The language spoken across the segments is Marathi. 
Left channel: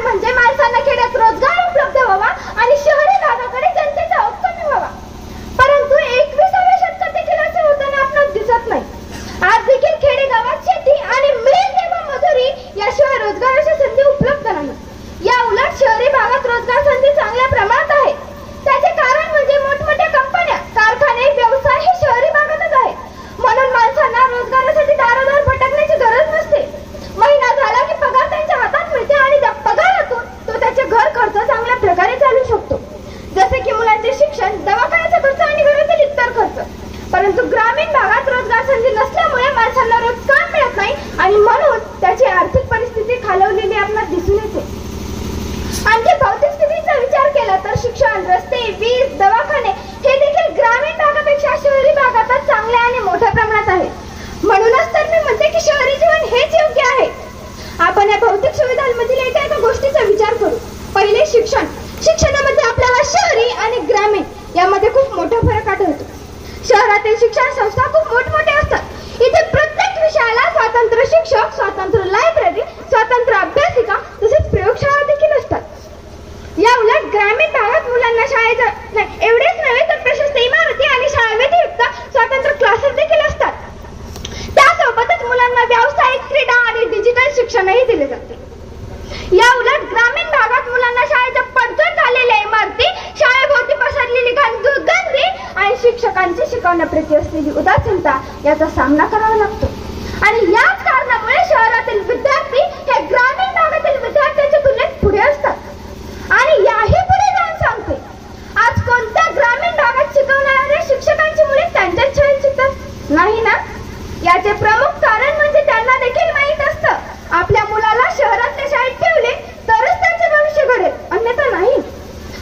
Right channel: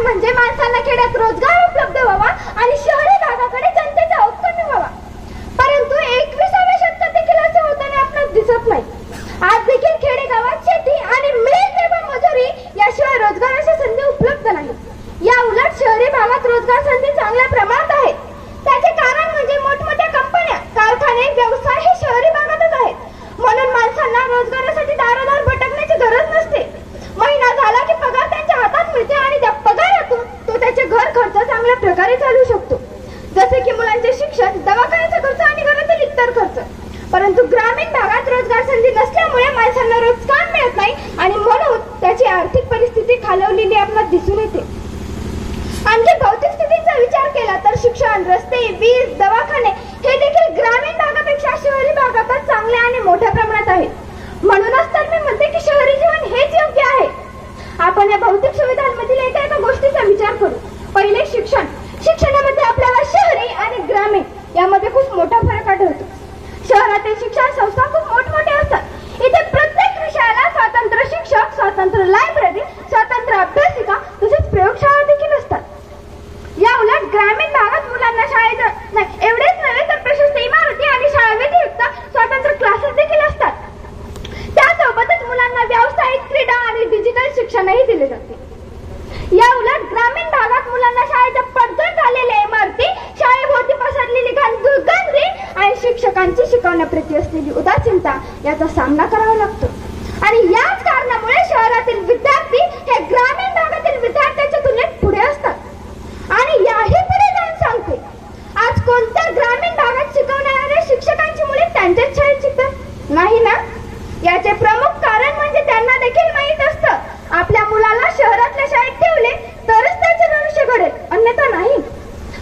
कारण म्हणजे माणसांना खेड्यात रोजगार उपलब्ध व्हावा आणि शहरी भागाकडे जनतेचा ओघ कमी व्हावा. परंतु 21व्या शतकात देखील असे होताना आपणास दिसत नाही. आज देखील खेडेगावात शेती आणि मिळेल तेव्हा मजुरी याशिवाय रोजगाराच्या संधी उपलब्ध नाही. या उलट शहरी भागात रोजगार संधी चांगल्या प्रमाणात आहेत. त्याचे कारण म्हणजे मोठमोठ्या कंपन्या, कारखाने, व्यवसाय हे शहरी भागातच आहेत. म्हणून माणसांना रोजगारासाठी दारोदार भटकण्याची गरज नसते. महिना झाला की पगार त्यांच्या हातात मिळते आणि त्या पगारातून तो त्याचे घर खर्च चांगल्या प्रकारे चालू शकतो, जसे की मुलांचे शिक्षण, दवाखान्याचा खर्च आणि घरातील इतर खर्च. परंतु ग्रामीण भागात रोजगार संधी नसल्यामुळे माणसांना रोज काम मिळत नाही आणि म्हणून त्याची आर्थिक परिस्थिती खालवलेली आपल्याला दिसून येते. आणखी भौतिक स्थितीचा विचार केला तर शिक्षण, रस्ते, वीज, दवाखाने हे देखील ग्रामीण भागापेक्षा शहरी भागातच चांगले आणि मोठ्या प्रमाणात आहेत. म्हणूनच तर मी म्हणते की शहरी जीवन हेच योग्य आहे. आपण या भौतिक सुविधांमधील एका गोष्टीचा विचार करू. पहिले शिक्षण. शिक्षणामध्ये आपल्याला शहरी आणि ग्रामीण यामध्ये खूप मोठा फरक आढळतो. शहरातील शिक्षण संस्था खूप मोठमोठे असतात. इथे प्रत्येक विषयाला स्वतंत्र शिक्षक, स्वतंत्र लायब्ररी, स्वतंत्र अभ्यासिका तसेच प्रयोगशाळा देखील असतात. या उलट ग्रामीण भागात मुलांना शाळेत नाही एवढेच नव्हे तर प्रशस्त इमारती आणि शाळा व्यतिरिक्त स्वतंत्र क्लासेस देखील असतात. त्यासोबतच मुलांना व्यावसायिक, क्रीडा आणि डिजिटल शिक्षणही दिले जाते. या उलट ग्रामीण भागात मुलांना शाळेच्या पडझड झालेल्या इमारती, शाळेभोवती पसरलेली गंदगी आणि शिक्षकांची शिकवण्याप्रती असलेली उदासीनता याचा सामना करावा लागतो. आणि याच कारणामुळे शहरातील विद्यार्थी हे ग्रामीण भागातील विद्यार्थ्यांच्या तुलनेत पुढे असतात. आणि याही पुढे जाऊन सांगते, आज कोणत्या ग्रामीण भागात शिकवणाऱ्या शिक्षकांची मुले त्यांच्याच शाळेत शिकतात नाही ना. याचे प्रमुख कारण म्हणजे त्यांना देखील माहीत असतं आपल्या मुलाला शहरातल्या शाळेत ठेवले तरच त्याचे भविष्य घडेल, अन्यथा नाही.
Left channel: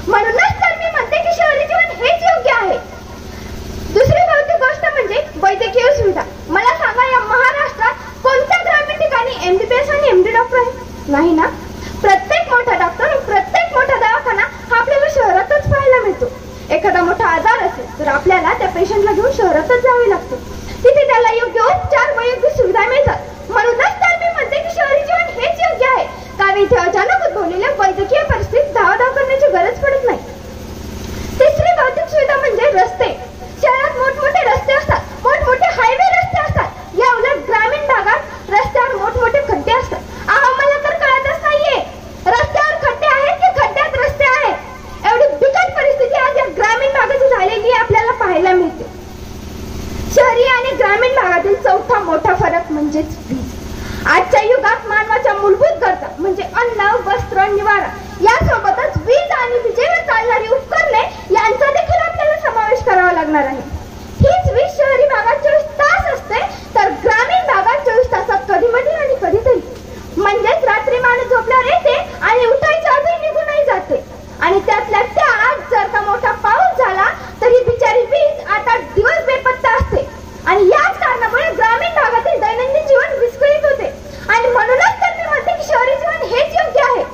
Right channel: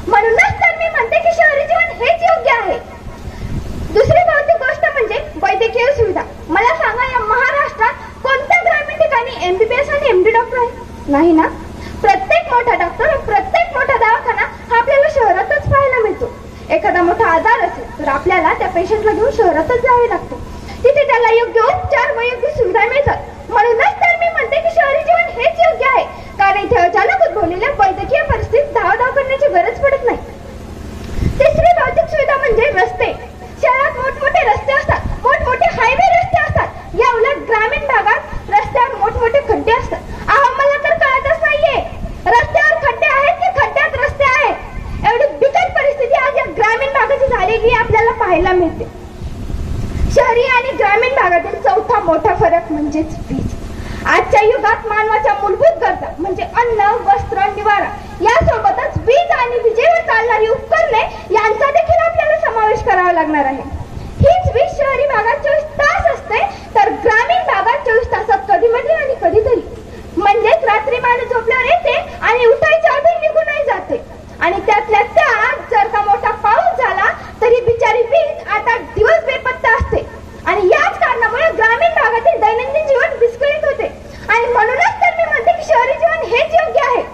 म्हणूनच तर मी म्हणते की शहरी जीवन हेच योग्य आहे. दुसरी भौतिक गोष्ट म्हणजे वैद्यकीय सुविधा. मला सांगा, या महाराष्ट्रात कोणत्या ग्रामीण ठिकाणी MBBS आणि MD डॉक्टर आहे? नाही ना. प्रत्येक मोठा डॉक्टर, प्रत्येक मोठा दवाखाना हा आपल्याला शहरातच पाहायला मिळतो. एखादा मोठा आजार असेल तर आपल्याला त्या पेशंटला घेऊन शहरातच जावे लागते. तिथे त्याला योग्य उपचार व योग्य सुविधा मिळतात. म्हणूनच तर मी म्हणते की शहरी जीवन हेच योग्य आहे, कारण इथे अचानक उद्भवलेल्या वैद्यकीय परिस्थितीत धावधाव करण्याची गरज पडत नाही. तिसरी भौतिक सुविधा म्हणजे रस्ते. शहरात मोठमोठे रस्ते असतात, मोठमोठे हायवे रस्ते असतात. या उलट ग्रामीण भागात रस्त्यावर मोठमोठे खड्डे असतात. मला तर कळतच नाहीये, रस्त्यावर खड्डे आहेत की खड्ड्यात रस्ते आहेत. एवढी बिकट परिस्थिती आज या ग्रामीण भागाची झालेली आपल्याला पाहायला मिळते. शहरी आणि ग्रामीण भागातील चौथा मोठा फरक म्हणजेच वीज. आजच्या युगात मानवाच्या मूलभूत गरजा म्हणजे अन्न, वस्त्र, निवारा यासोबतच वीज आणि विजेवर चालणारी उपकरणे यांचा देखील आपल्याला समावेश करावा लागणार आहे. हीच वीज शहरी भागात 24 तास असते तर ग्रामीण भागात 24 तासात कधीमधी आणि कधीतरी. म्हणजेच रात्री माणूस झोपल्यावर येते आणि उठायच्या आधी निघूनही जाते. आणि त्यातल्या त्यात जर का मोठा पाऊस झाला तरी बिचारी वीज 8-8 दिवस बेपत्ता असते. आणि याच कारणामुळे ग्रामीण भागातील दैनंदिन जीवन विस्कळीत होते. आणि म्हणूनच तर मी म्हणते की शहरी जीवन हेच योग्य आहे.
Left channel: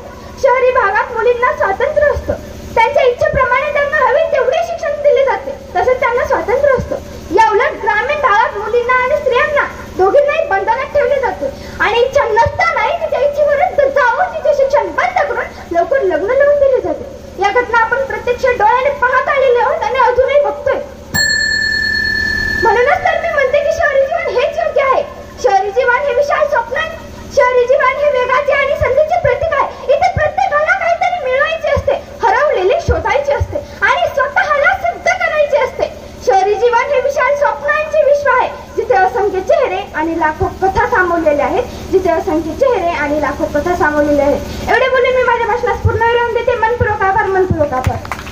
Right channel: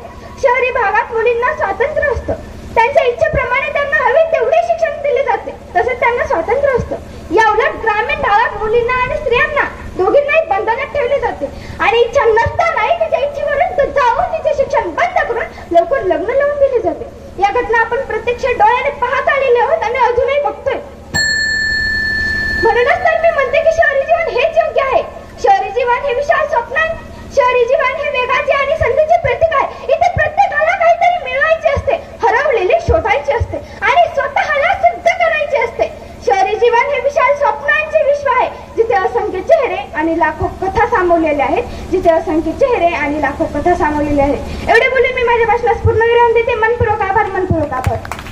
शहरी भागात मुलींना स्वातंत्र्य असतं. त्यांच्या इच्छेप्रमाणे त्यांना हवे तेवढे शिक्षण दिले जाते, तसेच त्यांना स्वातंत्र्य असतं. या उलट ग्रामीण भागात मुलींना आणि स्त्रियांना दोघींनाही बंधनात ठेवले जाते आणि इच्छा नसतानाही तिच्या इच्छेवरून जाऊन तिचे शिक्षण बंद करून लवकर लग्न लावून दिले जाते. या घटना आपण प्रत्यक्ष डोळ्याने पाहत आलेले आहोत आणि अजूनही बघतोय. म्हणूनच तर मी म्हणते की शहरी जीवन हेच योग्य आहे. शहरी जीवन हे विशाल स्वप्न आहे. शहरी जीवन हे वेगाचे आणि संधीचे प्रतीक आहे. इथे प्रत्येकाला काहीतरी मिळवायचे असते, हरवलेले शोधायचे असते आणि स्वतःला सिद्ध करायचे असते. शहरी जीवन हे विशाल स्वप्नांचे विश्व आहे, जिथे असंख्य चेहरे आणि लाखो कथा सामावलेले आहेत. जिथे असंख्य चेहरे आणि लाखो कथा सामावलेले आहेत. एवढे बोलून मी माझ्या भाषणास पूर्ण विराम देते. मनपूर्वक आभार, मनपूर्वक आभार.